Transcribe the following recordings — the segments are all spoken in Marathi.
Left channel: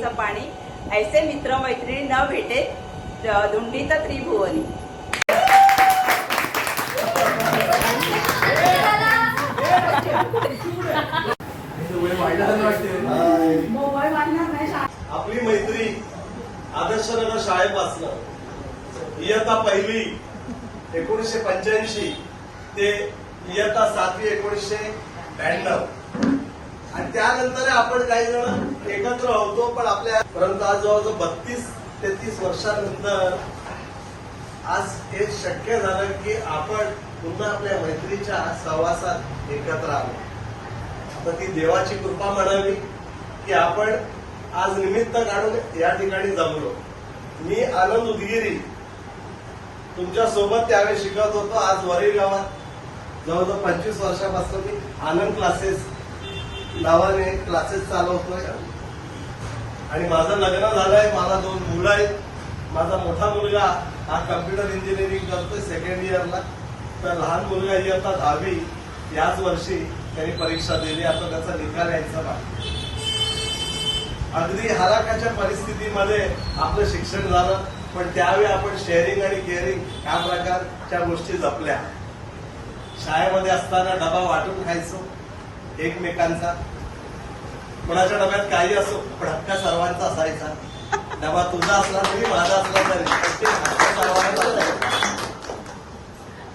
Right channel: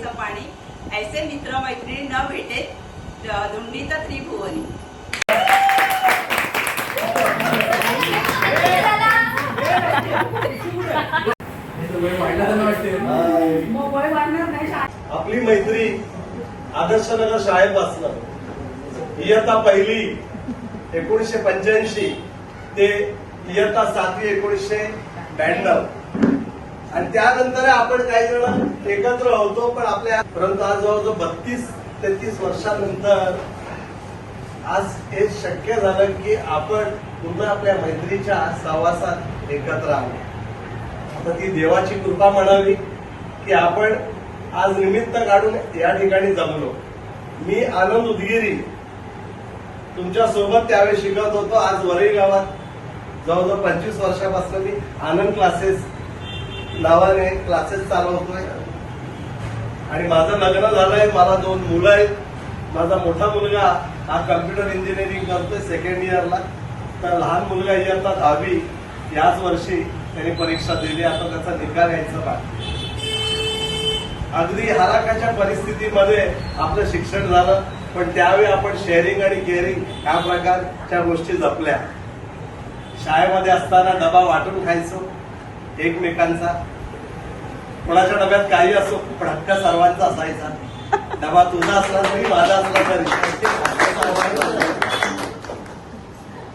निर्मळ पाणी. ऐसे मित्र मैत्रिणींना भेटे धुंडीत त्रिभुवनी. आपली मैत्री आदर्शनगर शाळेत असणार इयत्ता पहिली एकोणीसशे पंच्याऐंशी ते इयत्ता सातवी एकोणीसशे ब्याण्णव. आणि त्यानंतर आपण काही जण एकत्र होतो पण आपल्या परंतु आज जवळजवळ बत्तीस तेहतीस वर्षानंतर आज हे शक्य झालं की आपण पुन्हा आपल्या मैत्रीच्या सहवासात एकत्र आलो. आता ती देवाची कृपा म्हणावी की आपण आज निमित्त काढून या ठिकाणी जमलो. मी आनंद उदगिरी तुमच्यासोबत त्यावेळी शिकत होतो. आज वरळी गावात जवळजवळ पंचवीस वर्षापासून मी आनंद क्लासेस नावाने क्लासेस चालवतोय आणि माझं लग्न झालंय मला दोन मुलं आहेत. माझा मोठा मुलगा हा कम्प्युटर इंजिनिअरिंग करतोय सेकंड इयरला तर लहान मुलगा इयत्ता दहावी. याच वर्षी त्यांनी परीक्षा दिली आता त्याचा निकाल यायचा बाकी. अगदी हराकाच्या परिस्थितीमध्ये आपलं शिक्षण झालं पण त्यावेळी आपण शेअरिंग आणि केअरिंग या प्रकारच्या गोष्टी जपल्या. शाळेमध्ये असताना डबा वाटून खायचो. एकमेकांचा. कोणाच्या डब्यात काही असो पण हक्क सर्वांचा असायचा. डबा तुझा असला तरी माझा असला तरी.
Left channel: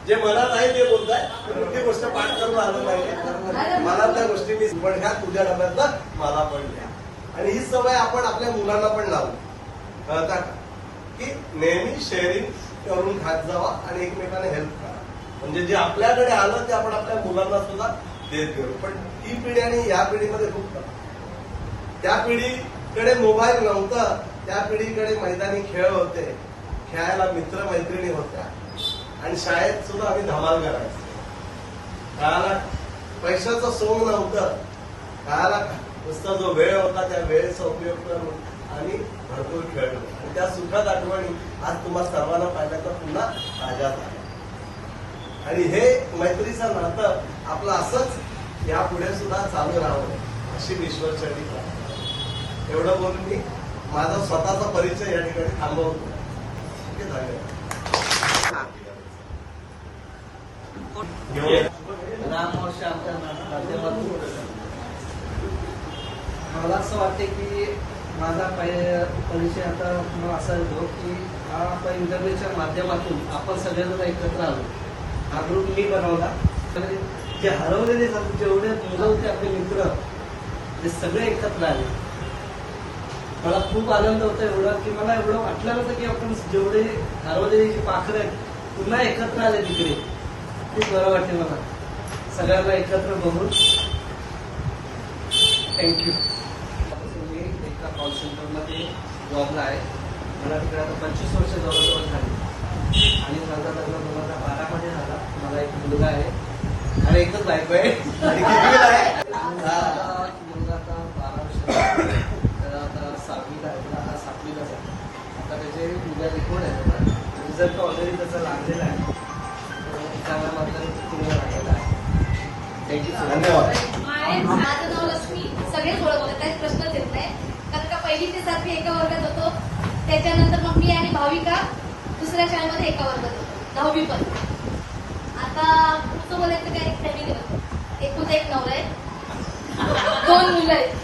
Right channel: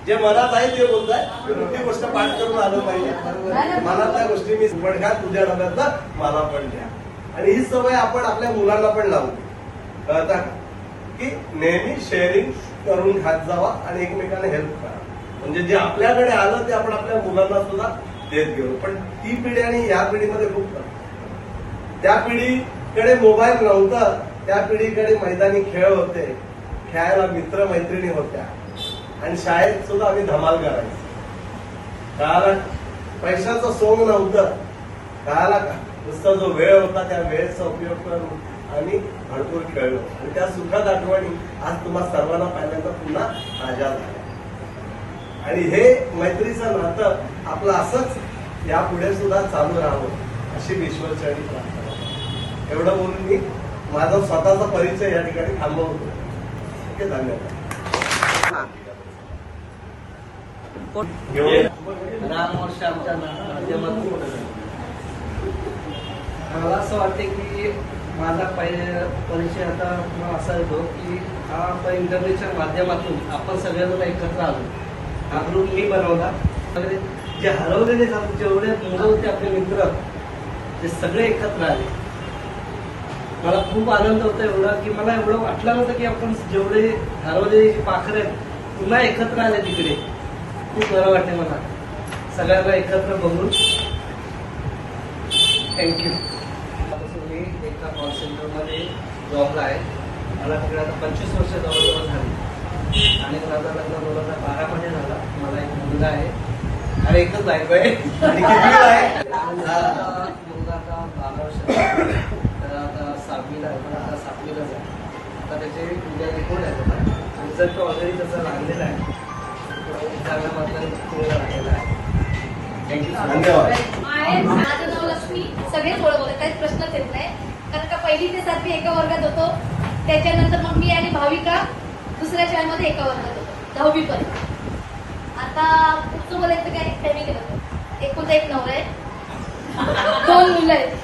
जे मनात आहे ते बोललाय मोठी गोष्ट पाठ करून आलं पाहिजे. मनातल्या गोष्टी मी पण घ्या तुझ्या डब्यातला मला पण द्या. आणि ही सवय आपण आपल्या मुलांना पण लावली कळता की? नेहमी शेअरिंग करून खात जावा आणि एकमेकांना हेल्प करा. म्हणजे जे आपल्याकडे आलं ते आपण आपल्या मुलांना सुद्धा देत गेलो. पण ती पिढी आणि या पिढीमध्ये खूप फरक त्या पिढीकडे मोबाईल नव्हता त्या पिढीकडे मैदानी खेळ होते. खेळायला मित्र मैत्रिणी होत्या. आणि शाळेत सुद्धा आम्ही धमाल करायचो. काळाला पैशाचं सोंग नव्हतं. काळाला नुसता जो वेळ होता त्या वेळेचा उपयोग करून आम्ही भरपूर खेळलो. आणि त्या सुखात आठवणी आज तुम्हा सर्वांना पाहिल्यानंतर पुन्हा ताज्या झाल्या. आणि हे मैत्रीचं नातं आपलं असंच यापुढे सुद्धा चालू राहावं अशी ईश्वरचरणी प्रार्थना एवढं बोलून मी माझा स्वतःचा परिचय या ठिकाणी थांबवतो. आहे धन्यवाद. मला असं वाटते की माझा परिचय आता असा येतो की हा आपण इंटरनेटच्या माध्यमातून आपण सगळेजण एकत्र आलो. हा ग्रुप मी बनवला. जे हरवलेले झाले जेवढे मुलं होते आपले मित्र ते सगळे एकत्र आले. मला खूप आनंद होता एवढा की मला एवढं वाटलं नव्हतं की आपण जेवढे हरवलेले जे पाखरं आहेत पुन्हा एकत्र आले तिकडे. खूप बरं वाटते मला. सगळ्यांना एकत्र बघून. थँक्यू मी एका कॉल सेंटरमध्ये जॉबला आहे. मला तिकडे आता पंचवीस वर्ष जवळजवळ झाली. आणि माझा लग्न दोन हजार बारामध्ये झाला. मला एक मुलगा आहे. आणि एकच बायको आहे आणि किती वेळ आहे? मुलगा आता बारा वर्ष तर आता सहावीला आहे. पण आता सातवीलाच आहे. आता त्याचे उद्या आहे बघा. रिझल्ट ऑलरेडी त्याचा लागलेला आहे. तर चांगल्या मार्गाने पुढे लागलेला आहे. थँक्यू सो मच धन्यवाद. माझं नाव लक्ष्मी. सगळेच ओळखतात काहीच प्रश्नच येत नाही. कारण का पहिली ते सातवी एका वर्गात होतो. त्याच्यानंतर मग मी आणि भाविका दुसऱ्या शाळेमध्ये एका वर्गात होतो. दहावी पण आता पुढचं मला इथं काही त्यांनी एकूण एक नवरा आहे. दोन मुलं आहेत.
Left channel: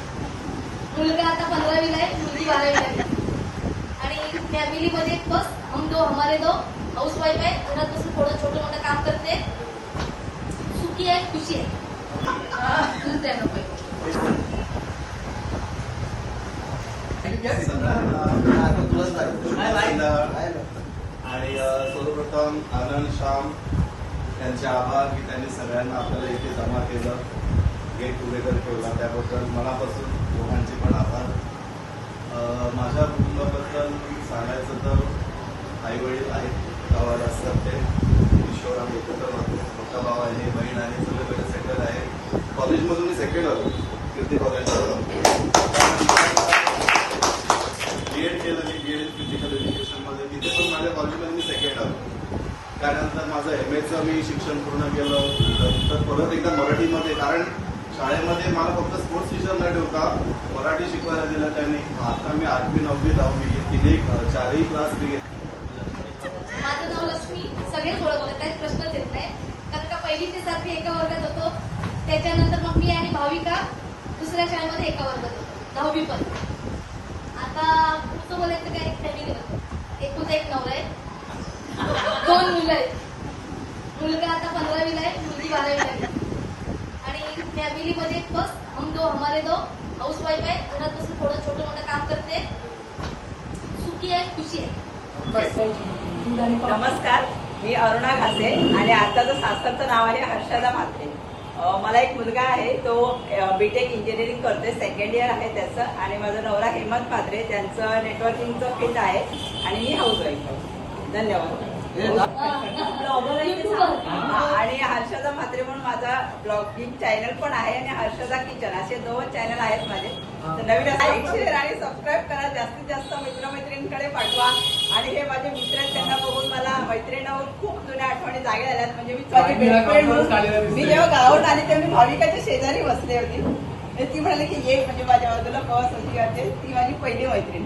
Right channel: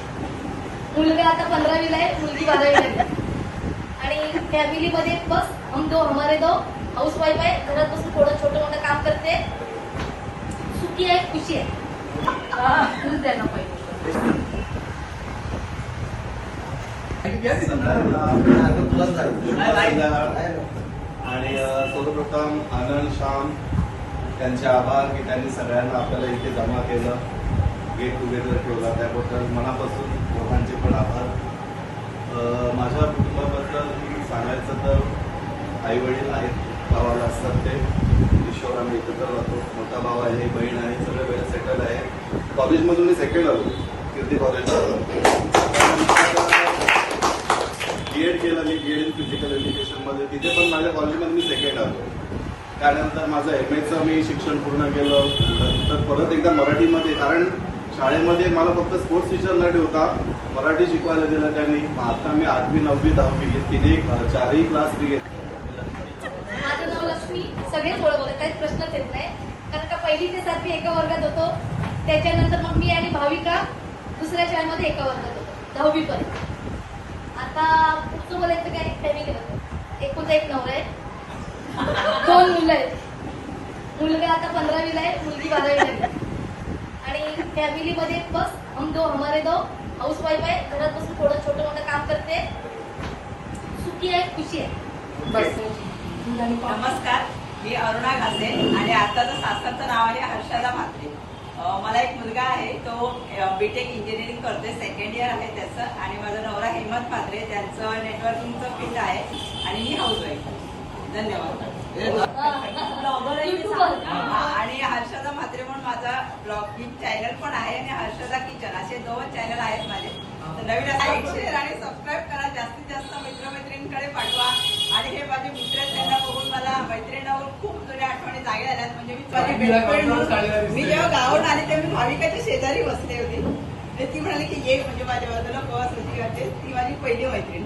मुलगा आता पंधरावीला आहे मुलगी बारावीला आहे. आणि फॅमिलीमध्ये बस हम दो हमारे दो हाऊस वाईफ आहे. घरात बसून थोडं छोटं मोठं काम करते. सुखी आहे खुशी आहे. आणि सर्वप्रथम आनंद श्याम त्यांचे आभार की त्यांनी सगळ्यांना आपल्याला इथे जमा केलं गेट टुगेदर ठेवला. त्याबद्दल मनापासून दोघांचे पण आभार. माझ्या कुटुंबाबद्दल सांगायचं तर आई वडील आहेत गावाला असतात ते ईश्वर आम्ही एकत्र राहतो. मोठा भाव आहे बहीण आहे सगळे वेगळे सेटल आहे. कॉलेजमधून मी सेकंड आलो. कीर्ती कॉलेजला बी एड केलं केलं मी बी एड फिजिकल एज्युकेशनमध्ये तिथे पण माझ्या कॉलेजमध्ये मी सेकंड आलो. त्यानंतर माझं एम एचं मी शिक्षण पूर्ण केलं. तर परत एकदा मराठीमध्ये कारण शाळेमध्ये मला फक्त स्पोर्ट्स टीचर न ठेवता मराठी शिकवायला दिलं त्यांनी. आता मी आठवी नववी दहावी घेतली चारही क्लास मी घेतले. माझं नाव लक्ष्मी. सगळेच ओळखतात. काहीच प्रश्नच येत नाही. कारण का पहिली ते सातवी एका वर्गात होतो. त्याच्यानंतर मग मी आणि भाविका दुसऱ्या शाळेमध्ये एका वर्गात होतो. दहावी पण आता तुम्हाला बोलायचं काय? त्यांनी एकुलता एक. नवरा. आहे दोन मुलं आहेत. मुलगा आता पंधरावीला आहे मुलगी बारावीला आहे. आणि फॅमिलीमध्ये बस हम दो हमारे दो. हाऊस वाईफ आहे घरात बसून थोडं छोटं मोठं काम करते. सुखी आहे खुशी आहे. नमस्कार. मी अरुणा घासे आणि आताचं सासरचं नाव आहे हर्षदा म्हात्रे मला एक मुलगा आहे तो बीटेक इंजिनिअरिंग करते सेकंड इयर आहे त्याचं. आणि माझा नवरा हेमंत म्हात्रे त्यांचं नेटवर्किंगचं फील्ड आहे. आणि मी हाऊस वाईफ आहे. धन्यवाद. आणि हर्षदा म्हात्रे म्हणून माझा ब्लॉगिंग चॅनल पण आहे आणि हर्षदा किचन असे दोन चॅनल आहेत माझे. तर नवीन लाईक शेअर आणि सबस्क्राईब करा. जास्तीत जास्त मित्रमैत्रिणींकडे पाठवा. आणि हे माझे मित्र आहेत त्यांना बघून मला मैत्रिणीवर खूप जुन्या आठवणी जागी आल्यात. म्हणजे मी मी जेव्हा गावात आली तेव्हा मी भाविकाच्या शेजारी बसले होती. आणि ती म्हणाली की ये म्हणजे माझ्या बाजूला प्रवास होती ती माझी पहिली मैत्रीण.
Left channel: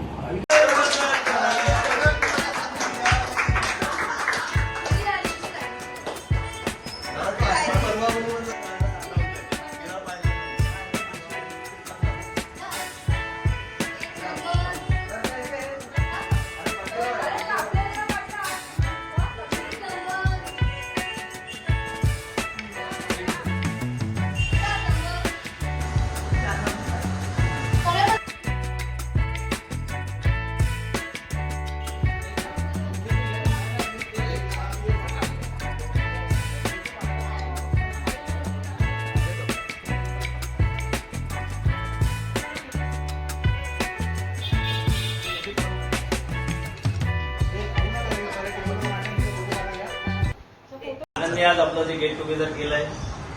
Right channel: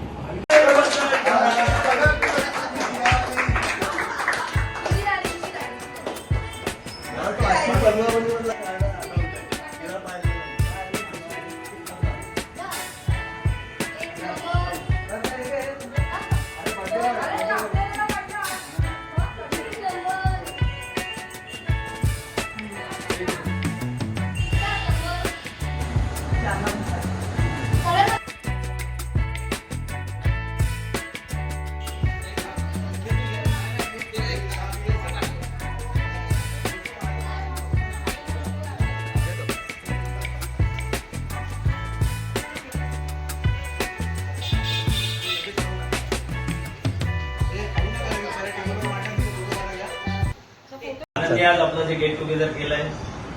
आज आपलं जे गेट टुगेदर केलंय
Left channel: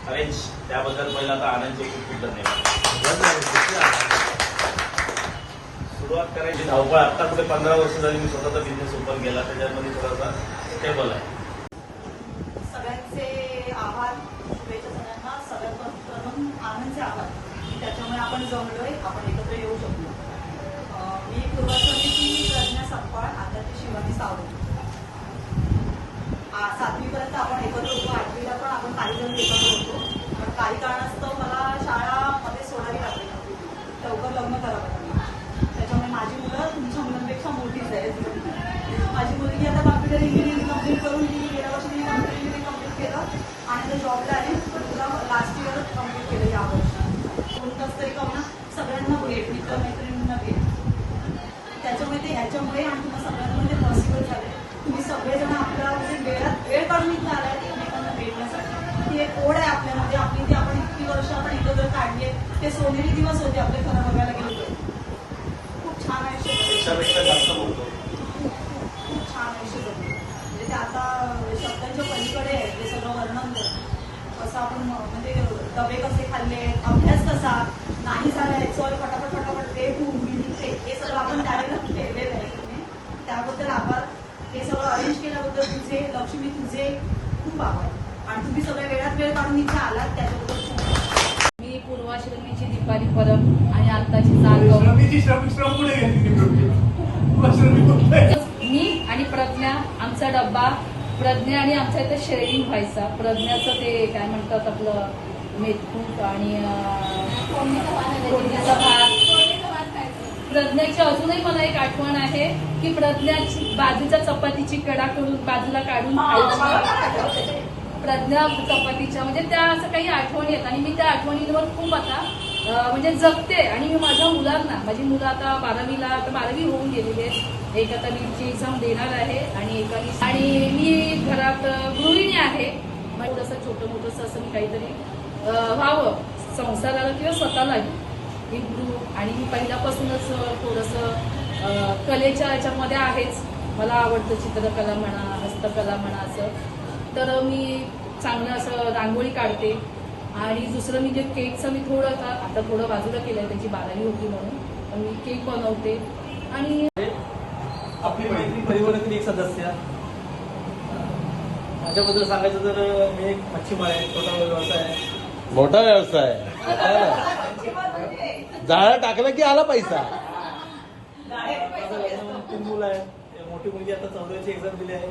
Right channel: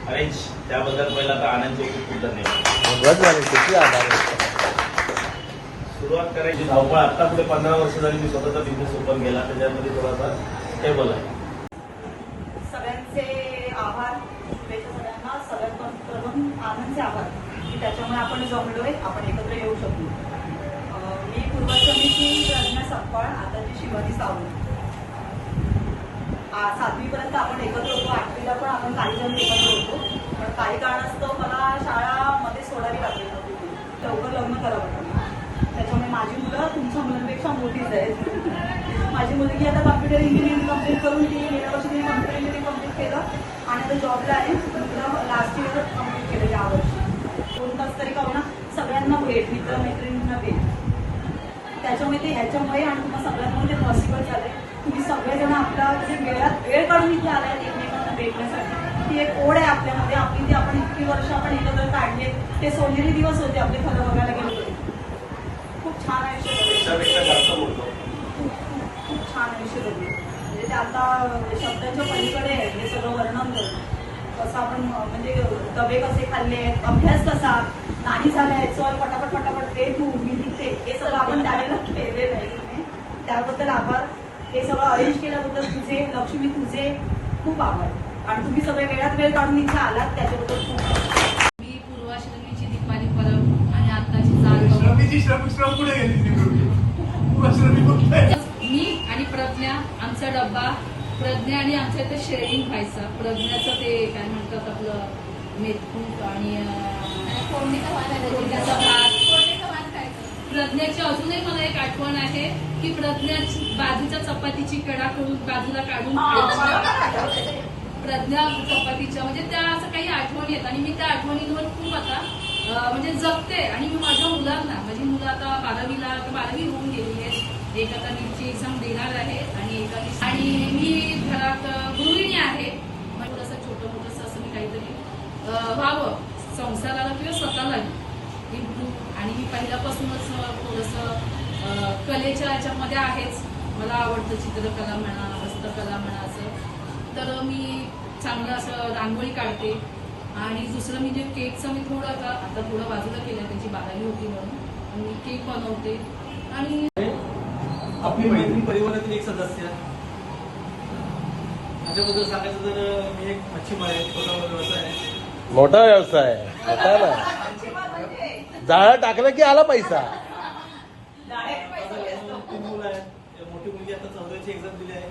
अरेंज त्याबद्दल पहिला आता आनंदचे एक खूप धन्यवाद सुरुवात करायची धावपळ. आता पुढे पंधरा वर्ष झाली मी स्वतःचा बिझनेस ओपन केला त्याच्यामध्ये थोडासा स्टेबल आहे. सगळ्यांचे आभार. सगळ्यांना सगळ्यात प्रथम आनंदचे आभार. की त्याच्यामुळे आपण जमलोय आपण एकत्र येऊ शकलो. मी पूर्वसमिती प्रज्ञा सप्पाळ आताची शिवाजी सावंत. आ- सातवीपर्यंत आपण एकत्र होतो आठवीला पण आपण काही जण एकत्र होतो पण काही कारणास्तव मला शाळामध्ये सोडावी लागली होती. लवकर लग्न करावं त्याच्यामुळे माझी मुलं तुमच्या मुलांपेक्षा मोठीच आहेत. माझी मुलगी आता कॉम्प्युटर इंजिनिअरिंग कंप्लीट करून ती गेल्या वर्षी तिने कम्प्युटर इंजिनिअरिंग कंप्लीट केलं आणि आता जॉबला आहे. तुला लास्ट इयर कंप्लीट केलं यावर्षी दोन तास तरी का होणार सगळ्यांना भेट मित्र मैत्रिणींना भेट. त्याच्यामुळे ते याच्यामुळे आणि तुम्हाला सगळ्यांना म्हणजे ते पॉसिबल झालंय. तुम्ही सगळेजण आपल्या वेळात वेळ काढून इथे आलाय. ते सोनेरी दिवस होते आपले खरं बघायला गेले खूप छान आयुष्य खूप छान आयुष्य जगलो म्हणजे ते आता म्हणजे शब्दांच्या पलीकडे आहे हे सगळं वर्णन करतो. कसं आपण म्हणजे डबे कसे खाल्ले अभ्यास कसा नाही झालाय आणि पटापट पटापट ते तू मी दिसते हे सगळं आपण त्यावेळेला ठेवलेलं आहे त्याबद्दल आभार हे सगळं अरेंज केल्याबद्दल तुझे लक्ष्मी तुझे खूप आभार आणि तुम्ही सगळे वेळात वेळ काढून इथे आलात त्याच्याबद्दल खूप आभार. मी पूर्वाश्रमीची दीपाली परब आणि आत्ताची चाल बघून मी आणि प्रज्ञा आमचा डब्बा. प्रज्ञा आणि आमच्या इथे शेअरिंग व्हायचा. प्रज्ञाचं ते काय म्हणतात आपलं मेथकूट आणि प्रज्ञाची अजूनही मला एक आठवण आहे की प्रज्ञाची बाजूच्या चपातीची कडा करून बाजूला काढून खायची. प्रज्ञा चपातीच्या म्हणजे त्या असं काही आठवणी आहेत आणि मी त्या आठवणींवर खूप आता म्हणजे जगते. आणि मी माझ्या मुलांना माझी मुलं आता बारावीला आता बारावी होऊन गेलेली आहेत. एक आता नीटची एक्झाम देणार आहे आणि एका आणि मी घरात गृहिणी आहे. म्हणजे तसं छोटं मोठंसं असं मी काहीतरी व्हावं. संसाराला किंवा स्वतःलाही. मी गुरु आणि मी पहिल्यापासूनच थोडंसं कलेच्या याच्यामध्ये आहेच. मला आवडतं चित्रकला म्हणा हस्तकला म्हणा असं. तर मी चांगलं असं रांगोळी काढते. आणि दुसरं म्हणजे केकचं मी थोडं आता आता थोडं बाजूला केलंय त्याची बारावी होती म्हणून. पण मी केक बनवते. आणि परिवारातील एक सदस्य. माझ्याबद्दल सांगायचं तर मी एक मच्छीमार आहे छोटा व्यवसाय आहे. मोठा व्यवसाय जाळा टाकला की आला पैसा? तीन मुलं आहेत. मोठी मुलगी आता चौदाची एक्झाम दिली आहे.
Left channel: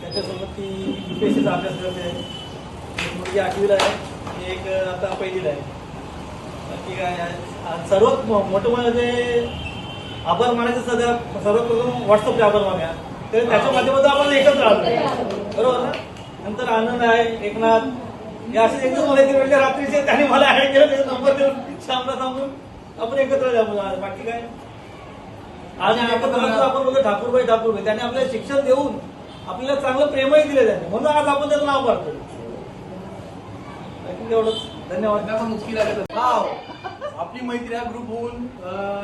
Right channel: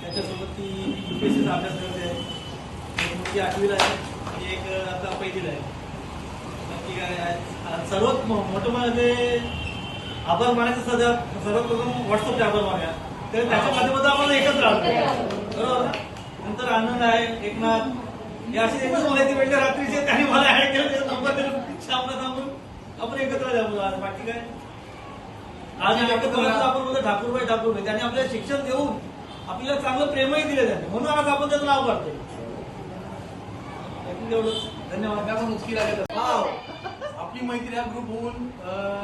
त्याच्यासोबत ती युपीएससीचा अभ्यास करते आहे. मुलगी आठवीला आहे. आणि एक आता पहिलीला आहे. बाकी काय आहे? सर्वात मोठं म्हणजे आभार मानायचं सध्या सर्वात प्रथम व्हॉट्सअपचे आभार मान्या. तर त्याच्या माध्यमातून आपण एकत्र राहतो. बरोबर नंतर आनंद आहे एकनाथ. हे असे एकच बोलायचे म्हणजे रात्रीचे त्यांनी मला ऍड केलं त्याचा नंबर देऊन श्यामला सांगून आपण एकत्र जाऊ बाकी काय? आज आपण आपण बोलतो ठाकूरबाई ठाकूरबाई. त्यांनी आपल्याला शिक्षण देऊन आपल्याला चांगलं प्रेमही दिलं त्यांनी म्हणून आज आपण त्याचं नाव काढतो आणखी एवढंच धन्यवाद आपण मुक्ती वाव. आपली मैत्री हा ग्रुप होऊन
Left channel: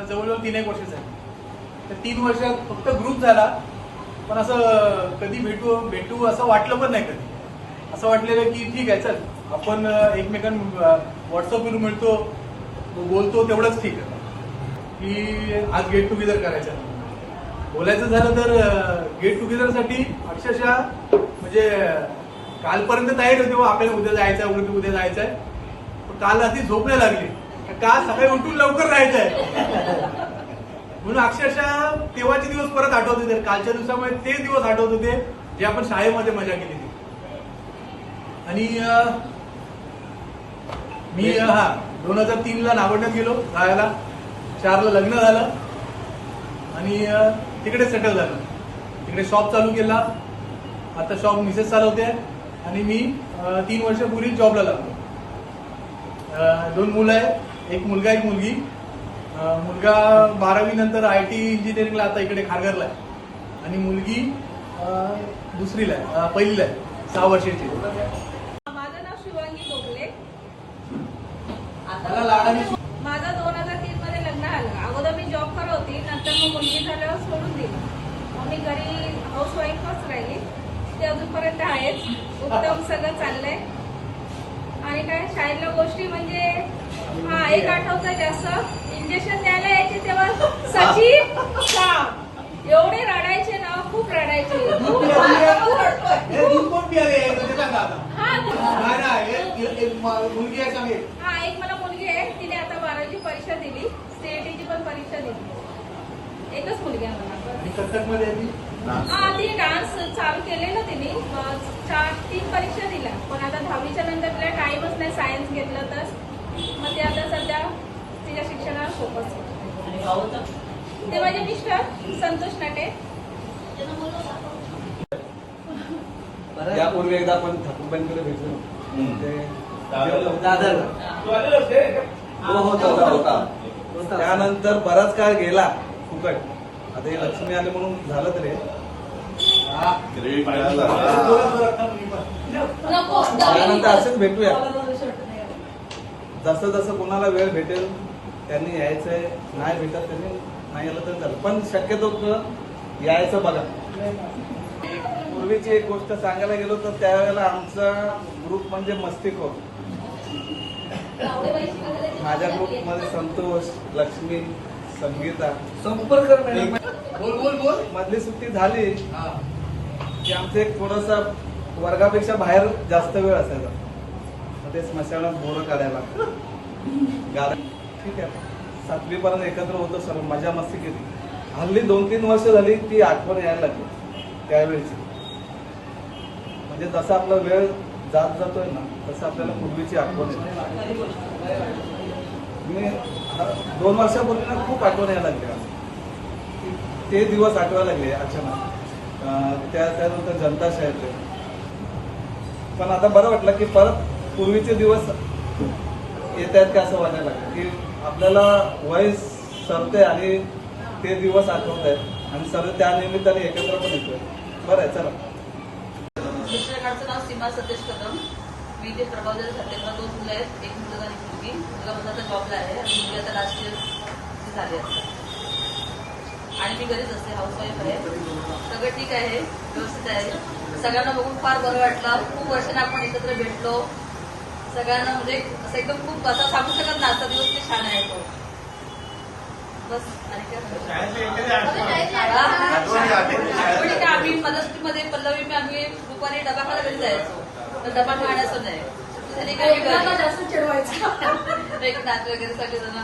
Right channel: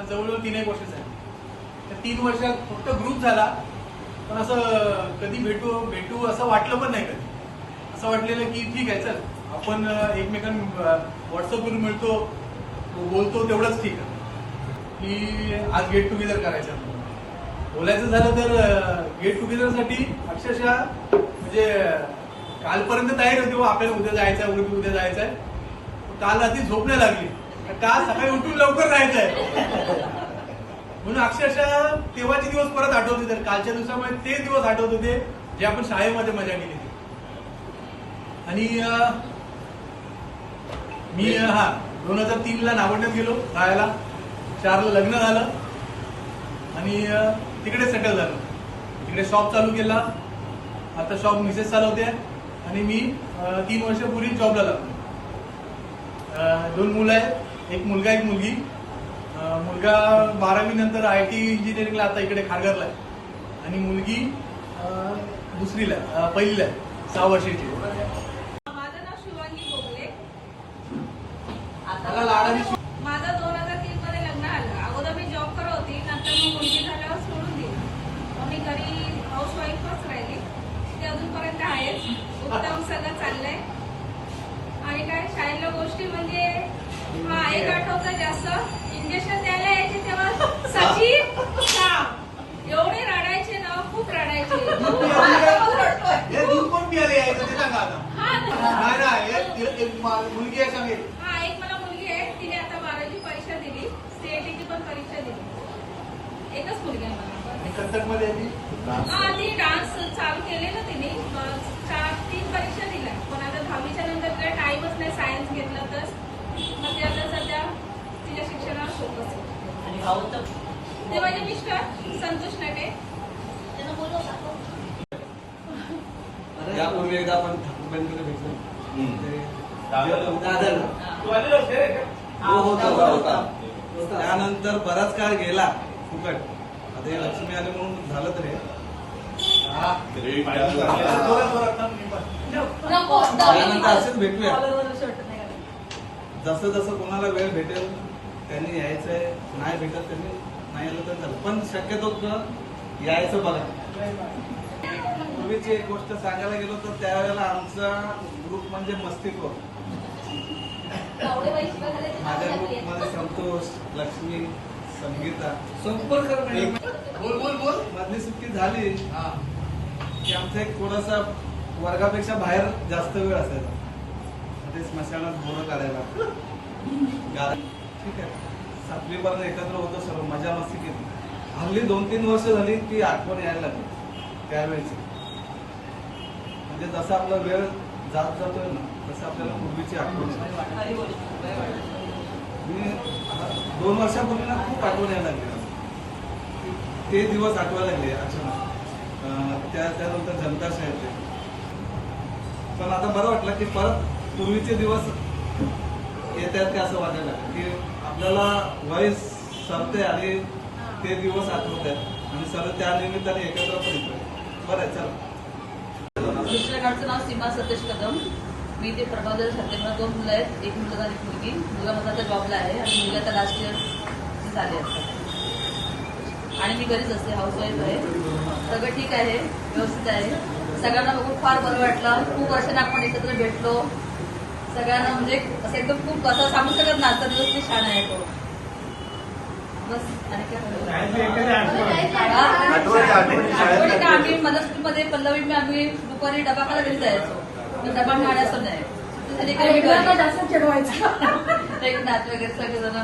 जवळजवळ तीन एक वर्ष झाली. तर तीन वर्ष फक्त ग्रुप झाला. पण असं कधी भेटू भेटू असं वाटलं पण नाही कधी. असं वाटलेलं की ठीक आहे चल. आपण एकमेकांना व्हॉट्सअपवरून मिळतो बोलतो तेवढंच ठीक आहे. की आज गेट टुगेदर करायचं. बोलायचं झालं तर गेट टुगेदरसाठी अक्षरशः म्हणजे कालपर्यंत तयारी होती बा आपल्याला उद्या जायचं आहे उद्या उद्या जायचं आहे. काल रात्री झोप नाही लागली. काल सकाळी उठून लवकर जायचं आहे. म्हणून अक्षरशः तेव्हाचे दिवस परत आठवत होते. कालच्या दिवसामुळे ते दिवस आठवत होते जे आपण शाळेमध्ये मजा केली होती. आणि मी हा दोन हजार तीन ला गेलो राहायला चारला लग्न झालं. आणि तिकडे सेटल झालं. तिकडे शॉप चालू केला. आता शॉप मिसेस चालवते. आणि मी तीन वर्षापूर्वी जॉबला लागलो दोन मुलं आहेत. एक मुलगा एक मुलगी. मुलगा बारावी नंतर आय टी इंजिनिअरिंगला आता इकडे खारघरला आहे. आणि मुलगी दुसरीला आहे. पहिलीला आहे. सहा वर्षाची. माझं नाव शिवानी बोगले. मला लहान माझं दोन हजार तीन मध्ये लग्न झालं. अगोदर मी जॉब करत होती. नंतर मग मुलगी झाल्यावर सोडून दिली. मी घरी हाऊस वाईफच राहिली. ते अजूनपर्यंत आहेच उत्तम सगळं चाललंय. आणि काय शाळेतल्या गोष्टी म्हणजे हा एक आठवतं जास्त. इंजेक्शन द्यायला यायचे तेव्हा सचिन श्याम एवढे रडायचे ना खूप रडायचे. खूप हे दूध कोण प्यायला यायचं ते सांगा आता. हा हा ना, एक मा- मुलगी आहे सांगेल हा एक मला मुलगी आहे तिने आता बारावी परीक्षा दिली. सीएटीची पण परीक्षा दिली. एकच मुलगी आहे मला. ती. हा ती डान्स चालू केलेलं तिने. अं, चार तीन परीक्षा दिल्या. पण आता दहावीच्या नंतर तिला टाइमच नाही सायन्स घेतलं तर. मग ते आता सध्या तिच्या शिक्षणाला फोकस ते माझे मिस्टर संतोष नाटे. यापूर्वी एकदा आपण ठाकूरबाईंकडे भेटलो. हो. त्यानंतर बराच काळ गेला. फुकट. आता हे लक्ष्मी आले म्हणून झालं तरी. त्यानंतर असंच भेटूया. जसं जसं कोणाला वेळ भेटेल त्यांनी यायचंय नाही भेटत त्यांनी नाही आलं तर झालं. पण शक्यतो यायचं बघा. पूर्वीची एक गोष्ट सांगायला गेलो तर त्यावेळेला आमचा ग्रुप म्हणजे मस्तिको माझ्या ग्रुपमध्ये संतोष लक्ष्मी संगीता. संपर्क नाही. बोल बोल बोल. मधली सुट्टी झाली. की आमचं एक थोडासा वर्गापेक्षा बाहेर जास्त वेळ असायचा. ते स्मशानात बोरं काढायला गार- ठीक आहे. सातवी पर्यंत एकत्र होतो सर मजा मस्ती केली. हल्ली दोन तीन वर्ष झाली ती आठवण यायला लागली त्यावेळेची. म्हणजे जसा आपला वेळ जात जातोय ना तसं आपल्याला पूर्वीची आठवण दोन वर्षापूर्वी ना खूप आठवण यायला लागली ते दिवस आठवायला लागले अचानक त्या त्यानंतर जनता शाळेत पण आता बरं वाटलं की परत पूर्वीचे दिवस येत आहेत का असं वाटायला की आपल्याला वय सरते आणि ते दिवस आठवत आहेत आणि सर्व त्या निमित्ताने एकत्र पण येतोय. बरं आहे चला. मिस्टरांचं नाव सीमा सतीश कदम. मी ते प्रबंधक झाले मला दोन मुलं आहेत. एक मुलगा एक मुलगी मुलगा माझा जॉबला आहे आणि मुलगा राष्ट्रीय लास्ट इयर झाले असतात आणि मी घरीच असते हाऊसवाईफ आहे. सगळं ठीक आहे व्यवस्थित आहे. सगळ्यांना बघून फार बरं वाटलं. खूप वर्षांनी आपण एकत्र भेटलो. सगळ्यांना म्हणजे असं एकदम खूप असं सांगू शकत ना आजचा दिवस छान आहे तो. बस आणि आम्ही मदतमध्ये पल्लवी आम्ही दुपारी डबा घरी जायचो. डबा मिळायचं नाही. जास्त चिडवायचं एक नाच वगैरे सगळेजण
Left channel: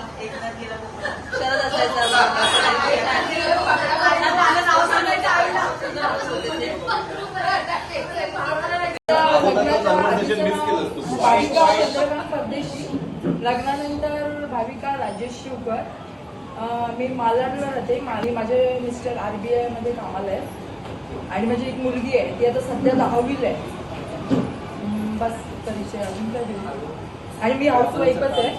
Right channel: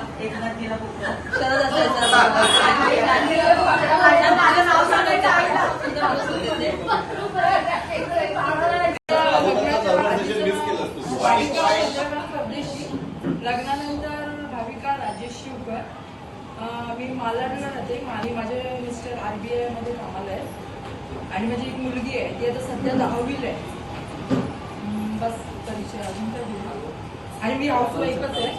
शरद असायचा माझं नाव सांगायचं आईला लग्नानंतर भाविका राजेश शिवकर. मी मालवणला राहते. आणि माझे मिस्टर आरबीआयमध्ये कामाला आहे आणि माझी एक मुलगी आहे. ती आता सध्या दहावीला आहे. बस परिचय अजून काय आणि मी हाऊसवाईफच आहे.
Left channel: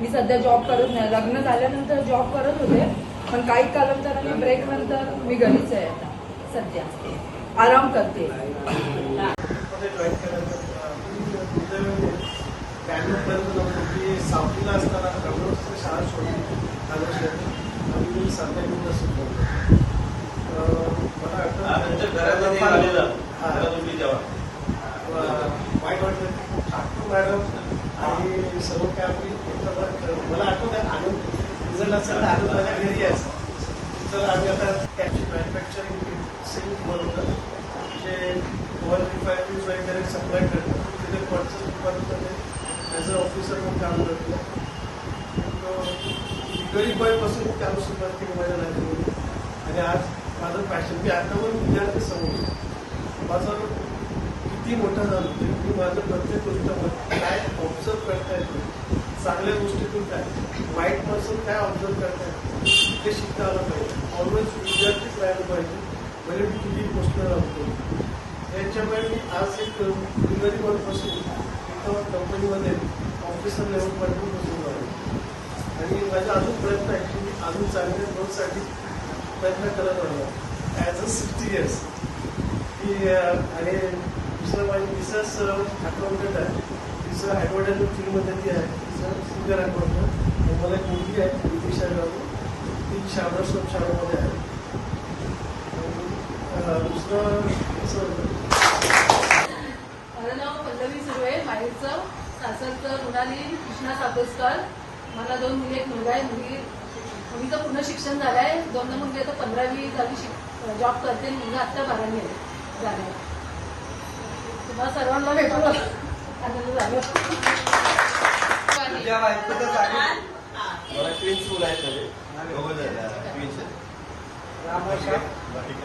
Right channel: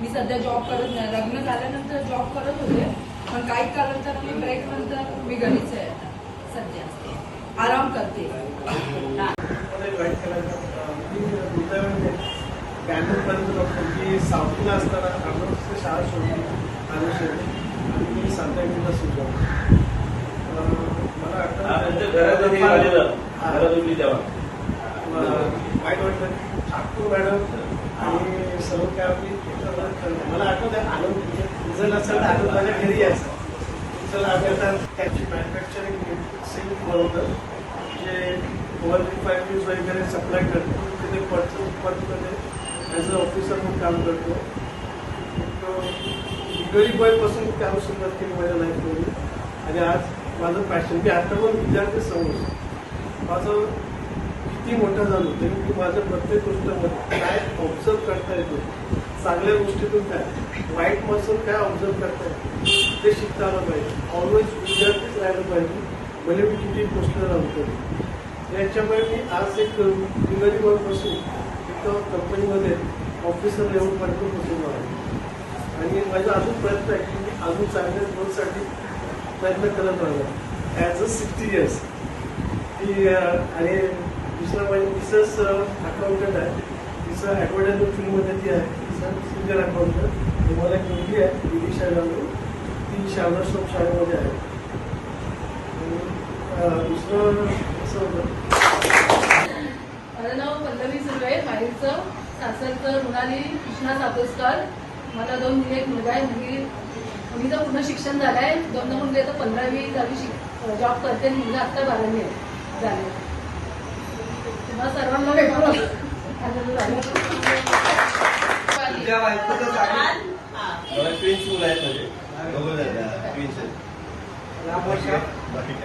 मी सध्या जॉब करत नाही. लग्न झाल्यानंतर जॉब करत होते पण काही कालांतर मी ब्रेक नंतर मी घरीच आहे. सध्या. आराम करते. बँगलोरपर्यंत साऊथला असताना अमरावतीची शाळा सोडली आणि शोधली आणि मी सांताक्रूजला सुद्धा मला घरात घरात तुम्ही तेव्हा वाईट ठाकूर मॅडम आणि सर्व काय आम्ही मला आठवत आहे आनंद रिझल्ट असेल तर आनंद माझ्या घरी यायचं. तर आम्ही आता त्याची मॅन्युफॅक्चरिंग सिंग बनवतं. म्हणजे वन रिफायनरीज वगैरे सप्लाय करतो. तिथे ॲज अ ऑफिसर म्हणून काम करतो. डिलिव्हरी बॉयपासून काम सुरुवात केली माझ्या लाईफमध्ये आणि आज माझं पॅशन की आता पण विद्यार्थी समोर माझं किती मोठं झालो तरी मी माझं प्रत्येक गोष्टीमध्ये काय ऑब्झर्व करता येतो चांगल्या गोष्टीतून काय? वाईट माणसून काय ऑब्झर्व करता येतो ते शिकता आलं पाहिजे. ऑलवेज विद्यार्थीच राहिलं पाहिजे. म्हणजे मी किती गोष्ट राहतो याच्यामुळे मी आज एक डिलिव्हरी बॉय बसून एका कंपनीमध्ये ऑफिसर लेवलपर्यंत पोहोचलो आहे आणि माझा अजून प्रयत्न आहे की मी अजून चांगल्या ग्रोथसाठी प्रयत्न करत आलो ॲज अ सिक्स्टी इयर्स की आणि दुसरं म्हणजे तिचंच अकाउंटंट आहे तिचं ॲडव्हर्टायझिंग फील्डमध्ये ती आहे तिचं सिनियर अकाउंटंट मला एक मुलगी आहे विदिशा जाधव ती शारदा सोप शाळेमध्ये आहे दुसरं असं होतं माझं नाव पल्लवी सुर्वे माहेरचं सासरचं मृणाली कृष्णा सापोसकर मला दोन मुली एक मुलगा आहे मुलगी. मुलीचं पूर्ण शिक्षण झालं आहे दोन मुलगी आता पंधरावी दहावी शिक जॉब करते. आणि मुलगा आत्ता बारावी आहे. झाले सर्वांना भेटलो झाला झाले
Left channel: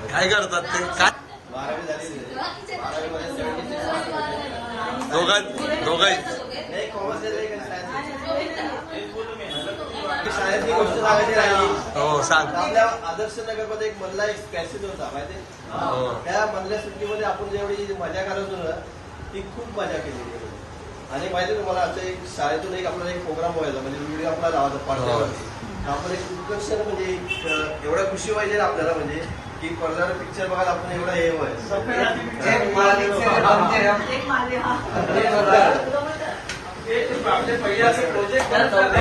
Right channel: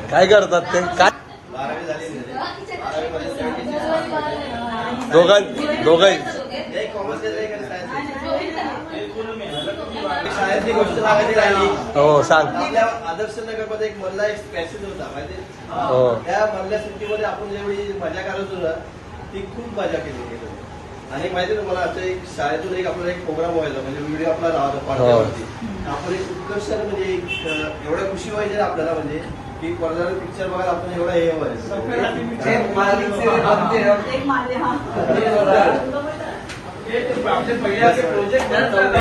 काय करतात ते? काय? बारावी सेव्हन्टी सिक्स दोघांही शाळेतली गोष्ट सांगायची राहिली. हो सांग. आपल्या आदर्श नगरमध्ये एक मधला एक कॅसेट होता माहिती? हो. त्या मधल्या सुट्टीमध्ये आपण जेवढी मजा करत होतो ती खूप मजा केली गेली. आणि माहिती तुम्हाला आता एक शाळेतून एक आपल्याला एक प्रोग्राम व्हायचा म्हणजे व्हिडिओ आपला राहायचा पाठवण्यावरती आपण एक उत्कर्ष म्हणजे एवढं खुशी व्हायची ना आपल्याला म्हणजे की पडदा पिक्चर बघायला आपण एवढा हे व्हायचं. हा. आपले पहिले असे प्रोजेक्ट